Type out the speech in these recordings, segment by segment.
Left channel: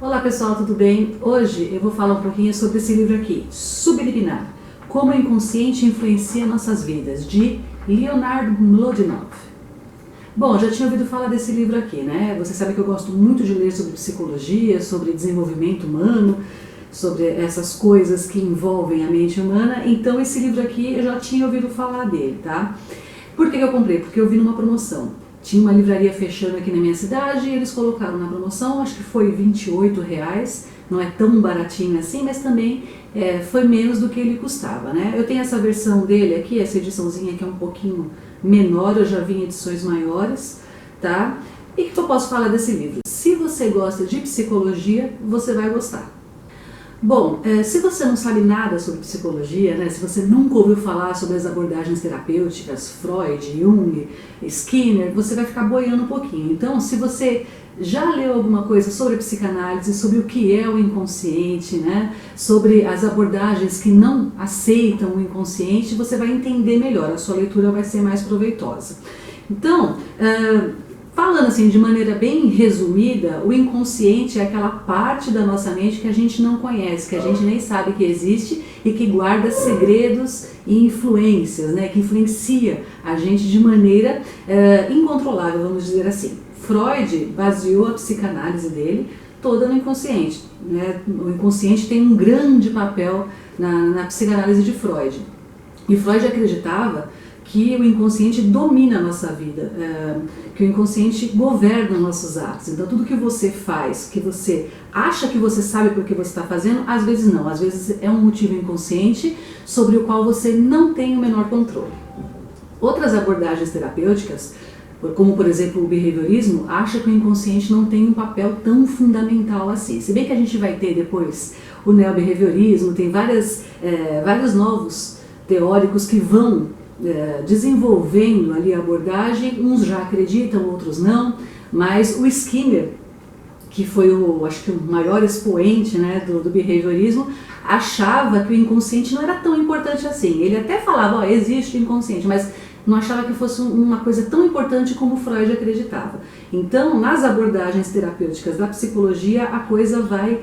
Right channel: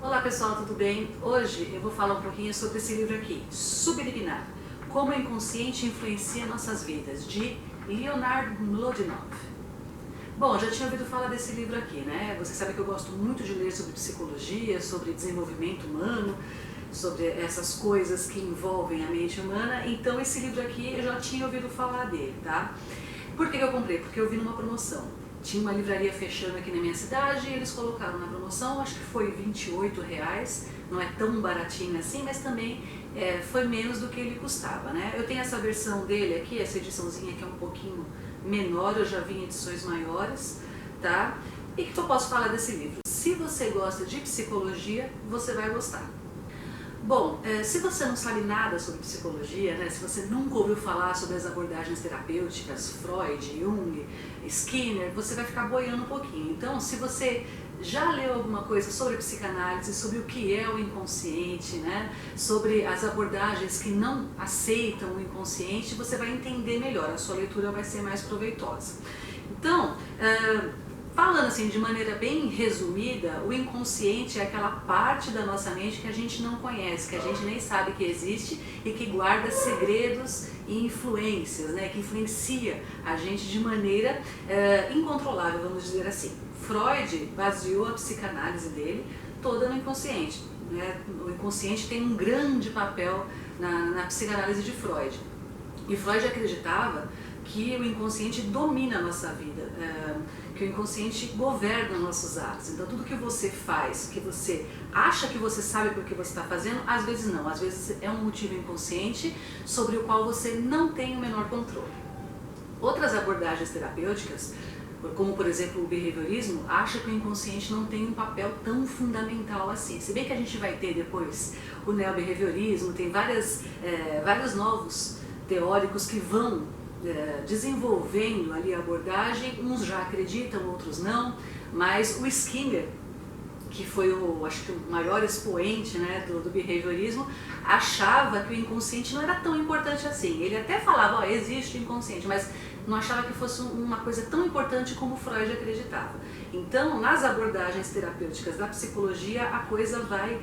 Olá pessoal, tudo bem? Hoje eu vou falar um pouquinho sobre esse livro aqui, Subliminar, Como o Inconsciente Influencia Nossas Vidas, de Leonard Mlodinow. Bom, já tinha ouvido falar desse livro aqui, né? Você sabe que eu gosto muito de ler sobre psicologia, sobre desenvolvimento humano, sobre essas coisas que envolvem a mente humana, então esse livro aqui eu já tinha ouvido falar dele, tá? Por que eu comprei? Porque eu vi numa promoção. Tinha uma livraria fechando aqui na minha cidade e eles colocaram na promoção, acho que foi R$ 28, não é tão baratinho assim, mas também foi menos do que ele custava, né? Eu tenho essa versão dele aqui, essa ediçãozinha que é um pouquinho menor, eu já vi em edições maiores, tá? E o que eu posso falar desse livro? Se você gosta de psicologia, você vai gostar. Bom, se você não sabe nada sobre psicologia, né, se você nunca ouviu falar sobre as abordagens terapêuticas, Freud, Jung, Skinner, você vai ficar boiando um pouquinho. Então, se você já leu alguma coisa sobre psicanálise, sobre o que é o inconsciente, né, sobre as abordagens que não aceitam o inconsciente, você vai entender melhor, a sua leitura vai ser mais proveitosa. Então, falando assim de maneira bem resumida, o inconsciente é aquela parte da nossa mente que a gente não conhece, que a gente nem sabe que existe e que guarda segredos e influências, né, que influencia a gente de maneira incontrolável, vamos dizer assim. Freud baseou a psicanálise dele toda no inconsciente, né? O inconsciente tem um grande papel na psicanálise de Freud. E Freud acreditava que o inconsciente domina a nossa vida, que o inconsciente governa nossos atos. Então tudo que você faz, que você acha que você sabe por que você está fazendo, às vezes não, às vezes é um motivo inconsciente sobre o qual você não tem o menor controle. Outras abordagens terapêuticas, como por exemplo o behaviorismo, acha que o inconsciente não tem um papel tão fundamental assim. Se bem que a gente vai ter depois o neobehaviorismo, tem vários novos teóricos que vão desenvolvendo ali a abordagem, uns já acreditam, outros não, mas o Skinner, que foi acho que o maior expoente, né, do behaviorismo, achava que o inconsciente não era tão importante assim. Ele até falava, ó, existe o inconsciente, mas não achava que fosse uma coisa tão importante como Freud acreditava. Então, nas abordagens terapêuticas da psicologia, a coisa vai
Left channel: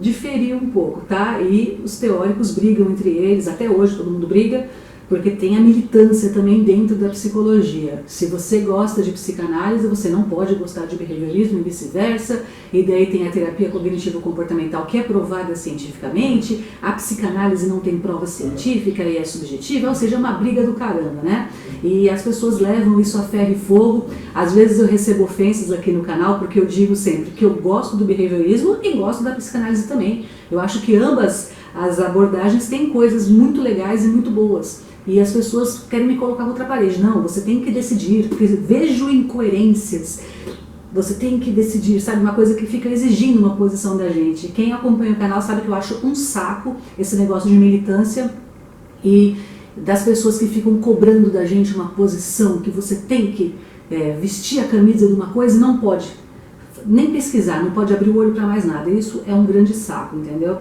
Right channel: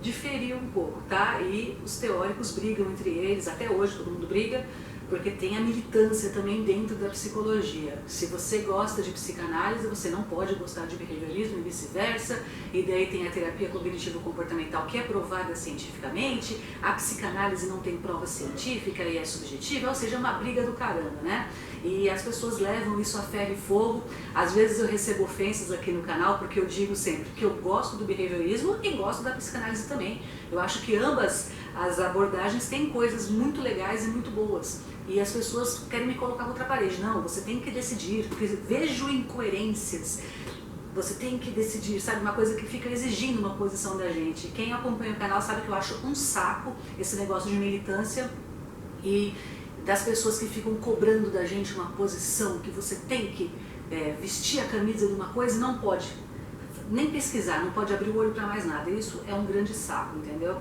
diferir um pouco, tá? E os teóricos brigam entre eles, até hoje todo mundo briga, porque tem a militância também dentro da psicologia. Se você gosta de psicanálise, você não pode gostar de behaviorismo e vice-versa, e daí tem a terapia cognitivo-comportamental que é provada cientificamente, a psicanálise não tem prova científica e é subjetiva, ou seja, é uma briga do caramba, né? E as pessoas levam isso a ferro e fogo. Às vezes eu recebo ofensas aqui no canal, porque eu digo sempre que eu gosto do behaviorismo e gosto da psicanálise também. Eu acho que ambas as abordagens têm coisas muito legais e muito boas. E as pessoas querem me colocar contra a parede. Não, você tem que decidir, porque vejo incoerências. Você tem que decidir, sabe? Uma coisa que fica exigindo uma posição da gente. Quem acompanha o canal sabe que eu acho um saco esse negócio de militância e das pessoas que ficam cobrando da gente uma posição, que você tem que vestir a camisa de uma coisa e não pode nem pesquisar, não pode abrir o olho para mais nada. Isso é um grande saco, entendeu?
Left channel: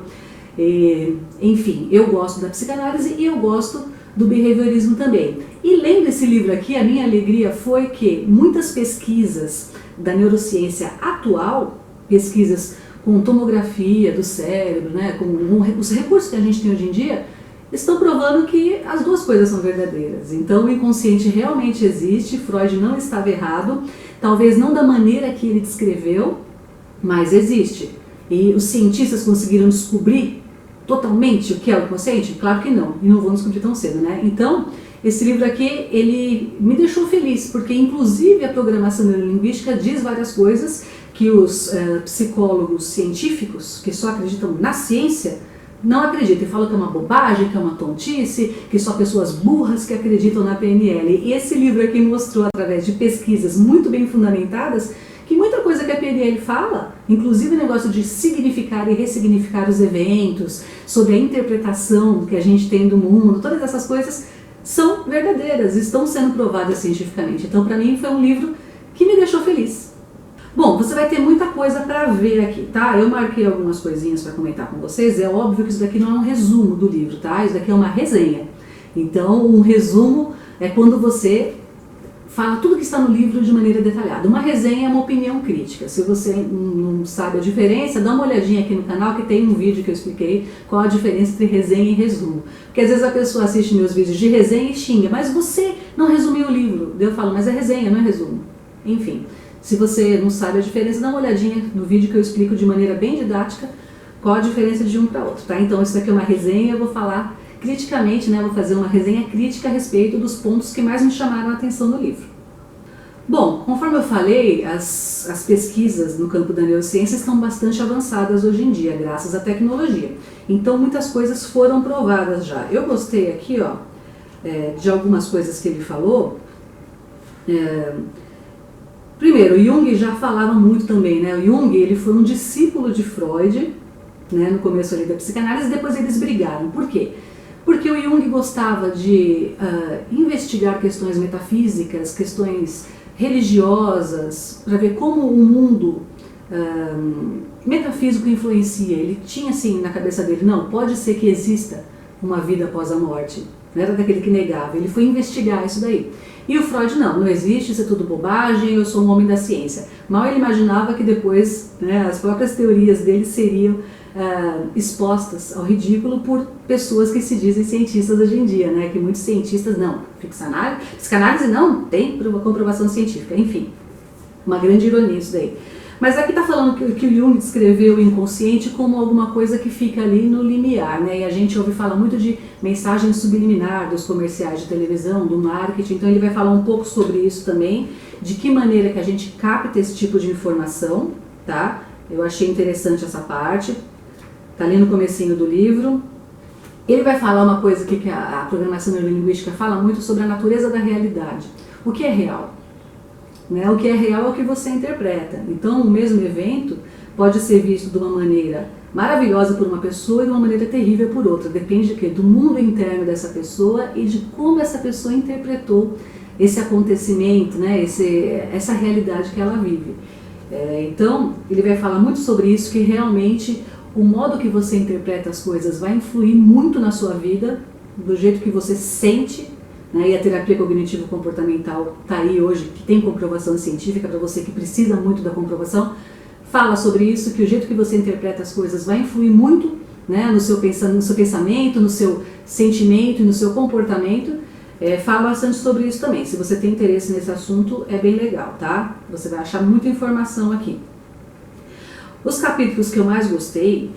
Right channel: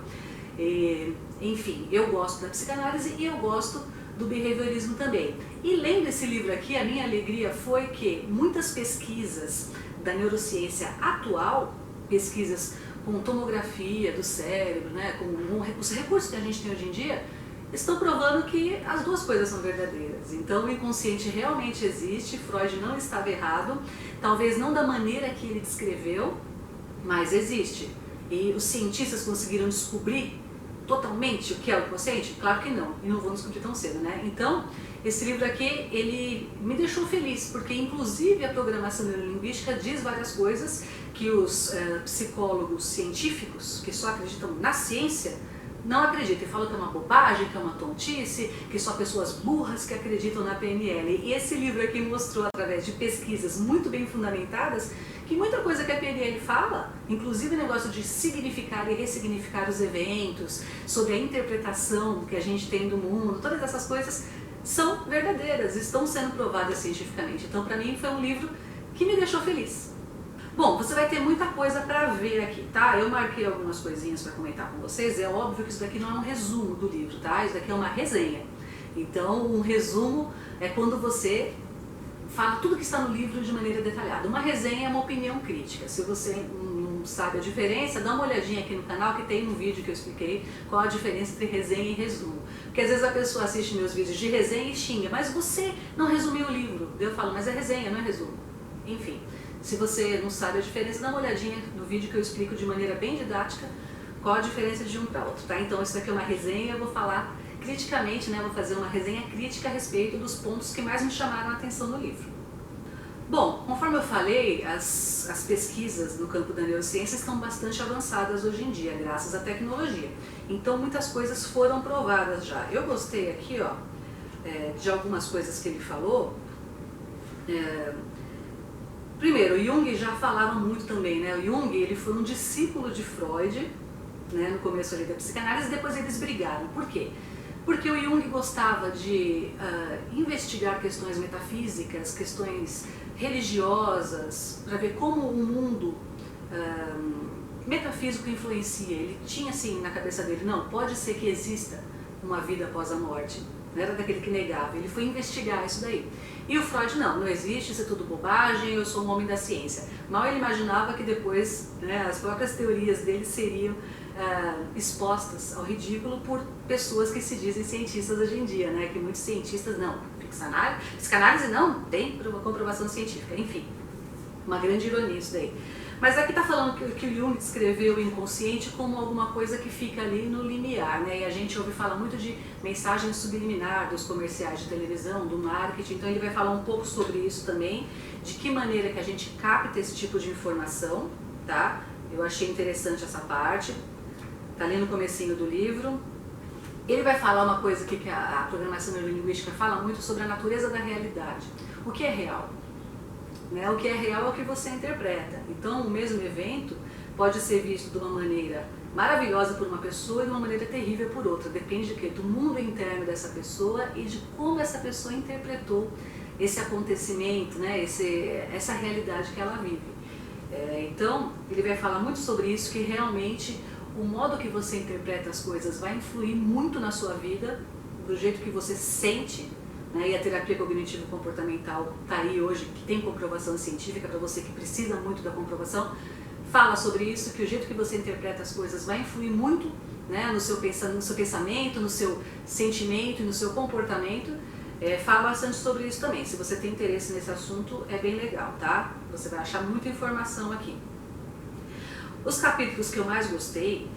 Enfim, eu gosto da psicanálise e eu gosto do behaviorismo também. E lendo esse livro aqui, a minha alegria foi que muitas pesquisas da neurociência atual, pesquisas com tomografia do cérebro, né, com os recursos que a gente tem hoje em dia, estão provando que as duas coisas são verdadeiras. Então o inconsciente realmente existe, Freud não estava errado, talvez não da maneira que ele descreveu, mas existe. E os cientistas conseguiram descobrir totalmente o que é o inconsciente? Claro que não, e não vão descobrir tão cedo, né? Então, esse livro aqui, ele me deixou feliz, porque inclusive a programação neurolinguística diz várias coisas que os psicólogos científicos, que só acreditam na ciência, não acreditam, e falam que é uma bobagem, que é uma tontice, que só pessoas burras que acreditam na PNL. E esse livro aqui mostrou, através de pesquisas muito bem fundamentadas, que muita coisa que a PNL fala, inclusive o negócio de significar e ressignificar os eventos, sobre a interpretação que a gente tem do mundo, todas essas coisas são verdadeiras, estão sendo provadas cientificamente. Então, para mim, foi um livro que me deixou feliz. Bom, você vai ter muita coisa para ver aqui, tá? Eu marquei algumas coisinhas para comentar com vocês. É óbvio que isso daqui não é um resumo do livro, tá? Isso daqui é uma resenha. Então, um resumo é quando você fala tudo que está no livro de maneira detalhada. Uma resenha é uma opinião crítica. Se você não sabe a diferença, dá uma olhadinha aqui no canal que tem um vídeo que eu expliquei qual a diferença entre resenha e resumo. Porque às vezes a pessoa assiste meus vídeos de resenha e xinga, mas você não resumiu o livro. Eu falo, mas é resenha, não é resumo. Enfim, se você não sabe a diferença, dá uma olhadinha no vídeo que eu explico de maneira bem didática qual a diferença de um para outro, tá? Então isso daqui é uma resenha, eu vou falar criticamente, né? Vou fazer uma resenha crítica a respeito dos pontos que mais me chamaram a atenção no livro. Bom, conforme eu falei, as pesquisas no campo da neurociência estão bastante avançadas hoje em dia, graças à tecnologia. Então muitas coisas foram provadas já. Eu gostei aqui, ó, de algumas coisas que ele falou. Primeiro, o Jung já falava muito também, né? O Jung, ele foi um discípulo de Freud, né, no começo ali da psicanálise, depois eles brigaram. Por quê? Porque o Jung gostava de investigar questões metafísicas, questões religiosas, para ver como o mundo metafísico influencia. Ele tinha assim na cabeça dele, não, pode ser que exista uma vida após a morte. Não era daquele que negava, ele foi investigar isso daí. E o Freud, não existe, isso é tudo bobagem, eu sou um homem da ciência. Mal ele imaginava que depois, né, as próprias teorias dele seriam expostas ao ridículo por pessoas que se dizem cientistas hoje em dia, né? Que muitos cientistas, não, psicanálise não tem comprovação científica, enfim, uma grande ironia isso daí. Mas aqui está falando que o Jung descreveu o inconsciente como alguma coisa que fica ali no limiar, né? E a gente ouve falar muito de mensagem subliminar dos comerciais de televisão, do marketing, então ele vai falar um pouco sobre isso também, de que maneira que a gente capta esse tipo de informação, tá? Eu achei interessante essa parte, tá ali no comecinho do livro. Ele vai falar uma coisa que a programação neurolinguística fala muito sobre a natureza da realidade. O que é real? Né? O que é real é o que você interpreta. Então, o mesmo evento pode ser visto de uma maneira maravilhosa por uma pessoa e de uma maneira terrível por outra. Depende de quê? Do mundo interno dessa pessoa e de como essa pessoa interpretou esse acontecimento, né? Essa realidade que ela vive. Então, ele vai falar muito sobre isso, que realmente o modo que você interpreta as coisas vai influir muito na sua vida, do jeito que você sente, né? E a terapia cognitivo-comportamental está aí hoje, que tem comprovação científica para você que precisa muito da comprovação, fala sobre isso, que o jeito que você interpreta as coisas vai influir muito, né, no seu pensamento, no seu sentimento e no seu comportamento. Fala bastante sobre isso também. Se você tem interesse nesse assunto, é bem legal, tá? Você vai achar muita informação aqui. Os capítulos que eu mais gostei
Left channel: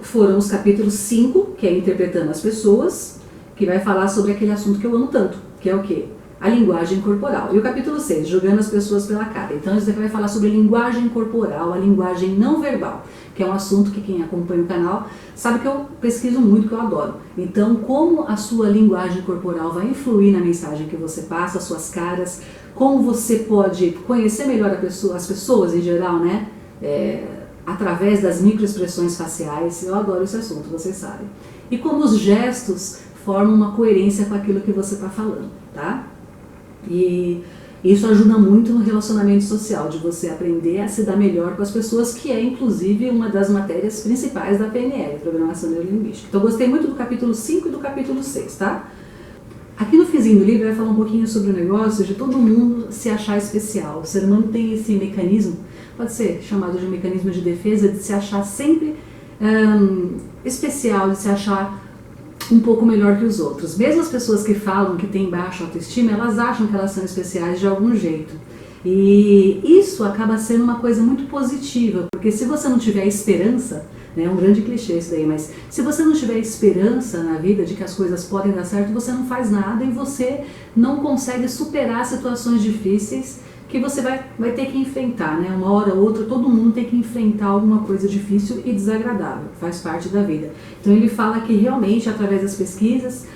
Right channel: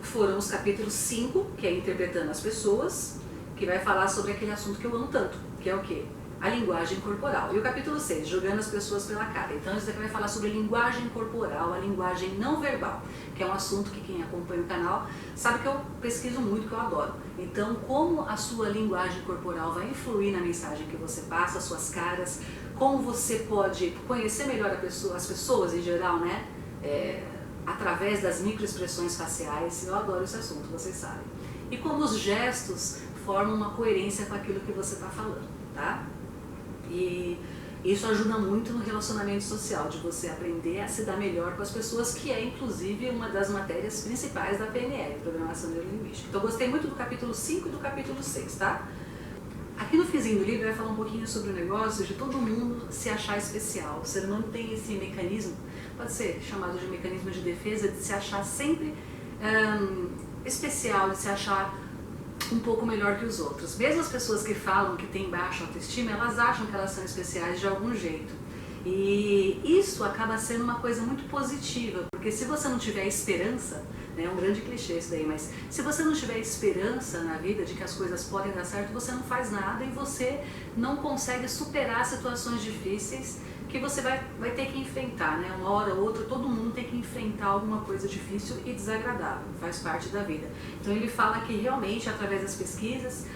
foram os capítulos 5, que é Interpretando as Pessoas, que vai falar sobre aquele assunto que eu amo tanto, que é o quê? A linguagem corporal. E o capítulo 6, Julgando as Pessoas pela Cara. Então isso daqui vai falar sobre linguagem corporal, a linguagem não verbal, que é um assunto que quem acompanha o canal sabe que eu pesquiso muito, que eu adoro. Então, como a sua linguagem corporal vai influir na mensagem que você passa, as suas caras, como você pode conhecer melhor as pessoas em geral, né? Através das microexpressões faciais. Eu adoro esse assunto, vocês sabem. E como os gestos formam uma coerência com aquilo que você está falando, tá? E isso ajuda muito no relacionamento social, de você aprender a se dar melhor com as pessoas, que é inclusive uma das matérias principais da PNL, Programação Neurolinguística. Então eu gostei muito do capítulo 5 e do capítulo 6, tá? Aqui no finzinho do livro vai falar um pouquinho sobre o negócio de todo mundo se achar especial. O ser humano tem esse mecanismo, pode ser chamado de mecanismo de defesa, de se achar sempre especial, de se achar um pouco melhor que os outros. Mesmo as pessoas que falam que têm baixa autoestima, elas acham que elas são especiais de algum jeito. E isso acaba sendo uma coisa muito positiva, porque se você não tiver esperança, né, é um grande clichê isso daí, mas se você não tiver esperança na vida de que as coisas podem dar certo, você não faz nada e você não consegue superar situações difíceis que você vai ter que enfrentar, né? Uma hora ou outra, todo mundo tem que enfrentar alguma coisa difícil e desagradável, faz parte da vida. Então ele fala que realmente, através das pesquisas,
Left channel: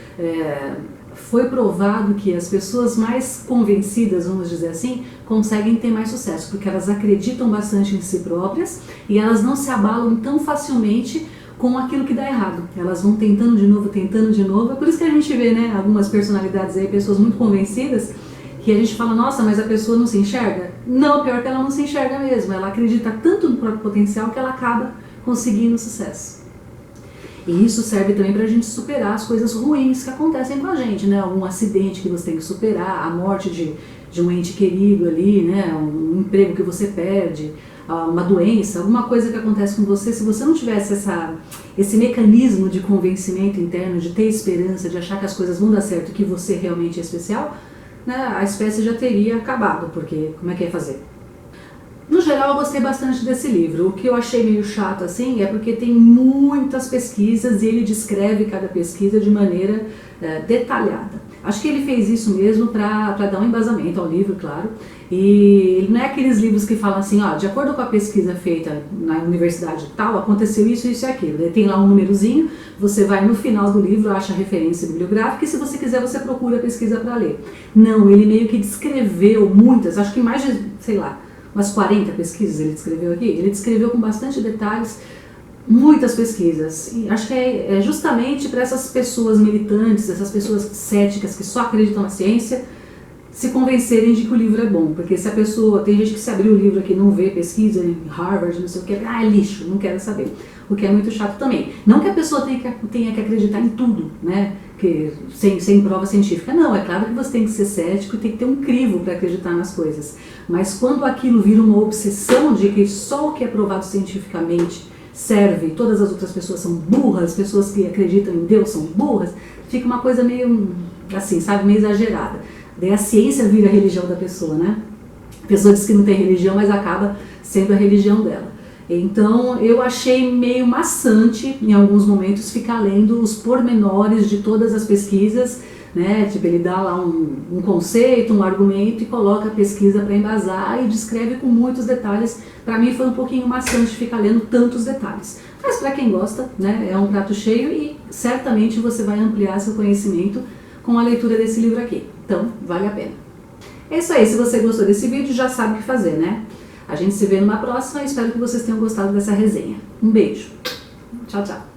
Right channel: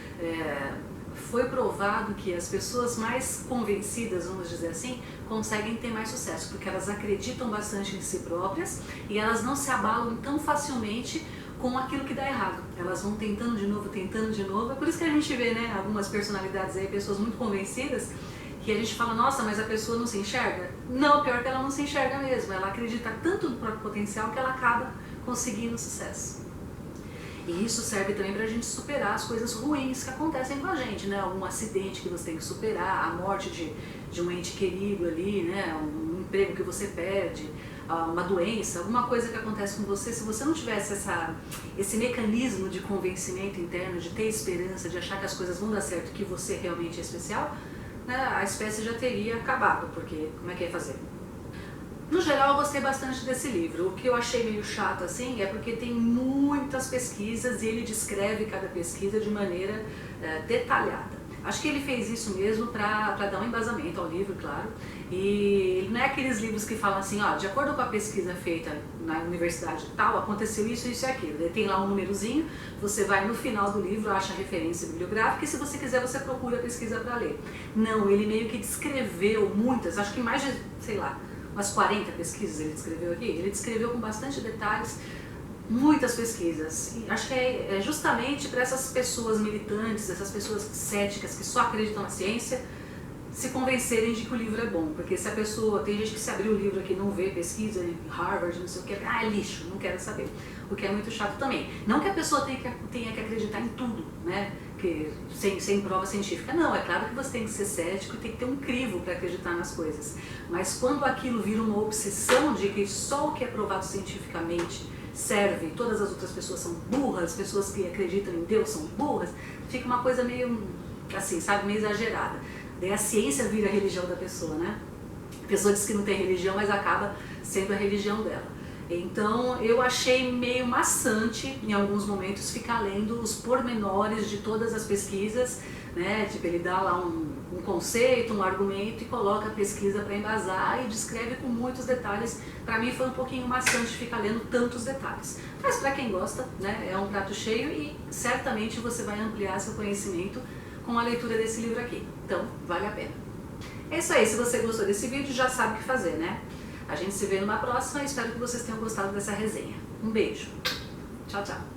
foi provado que as pessoas mais convencidas, vamos dizer assim, conseguem ter mais sucesso, porque elas acreditam bastante em si próprias e elas não se abalam tão facilmente com aquilo que dá errado. Elas vão tentando de novo, é por isso que a gente vê, né, algumas personalidades aí, pessoas muito convencidas, que a gente fala, nossa, mas a pessoa não se enxerga? Não, pior que ela não se enxerga mesmo, ela acredita tanto no próprio potencial que ela acaba conseguindo sucesso. E isso serve também para a gente superar as coisas ruins que acontecem com a gente, né? Um acidente que você tem que superar, a morte de um ente querido ali, né? Um emprego que você perde, uma doença, alguma coisa que acontece com você. Se você não tivesse esse mecanismo de convencimento interno, de ter esperança, de achar que as coisas vão dar certo e que você realmente é especial, né? A espécie já teria acabado, porque como é que ia fazer? No geral, eu gostei bastante desse livro. O que eu achei meio chato assim é porque tem muitas pesquisas e ele descreve cada pesquisa de maneira detalhada. Acho que ele fez isso mesmo para dar um embasamento ao livro, claro. E ele não é aqueles livros que falam assim, ó, de acordo com a pesquisa feita na universidade tal, aconteceu isso, isso e aquilo. Ele tem lá um númerozinho, você vai no final do livro, acha a referência bibliográfica e se você quiser você procura a pesquisa para ler. Não, ele meio que descreveu muitas, acho que mais de, sei lá, umas 40 pesquisas ele descreveu aqui. Ele descreveu com bastante detalhes muitas pesquisas. E acho que é justamente para essas pessoas militantes, essas pessoas céticas que só acreditam na ciência, se convencerem de que o livro é bom. Porque se a pessoa, tem gente que se abrir o livro aqui e não vê pesquisa em Harvard, não sei o que, é lixo, não quero saber. O que é muito chato também. Não que a pessoa tenha que acreditar em tudo, né? Que, sem prova científica. Não, é claro que você tem que ser cético e tem que ter um crivo para acreditar nas coisas. Mas quando aquilo vira uma obsessão de que só o que é provado cientificamente serve, todas as outras pessoas são burras, pessoas que acreditam em Deus são burras, fica uma coisa meio assim, sabe, meio exagerada. Daí a ciência vira a religião da pessoa, né? A pessoa diz que não tem religião, mas acaba sendo a religião dela. Então eu achei meio maçante em alguns momentos ficar lendo os pormenores de todas as pesquisas, né? Tipo, ele dá lá um conceito, um argumento e coloca a pesquisa para embasar e descreve com muitos detalhes. Para mim foi um pouquinho maçante ficar lendo tantos detalhes. Mas para quem gosta, né? É um prato cheio e certamente você vai ampliar seu conhecimento com a leitura desse livro aqui. Então, vale a pena. É isso aí, se você gostou desse vídeo já sabe o que fazer, né? A gente se vê numa próxima e espero que vocês tenham gostado dessa resenha. Um beijo. Tchau, tchau.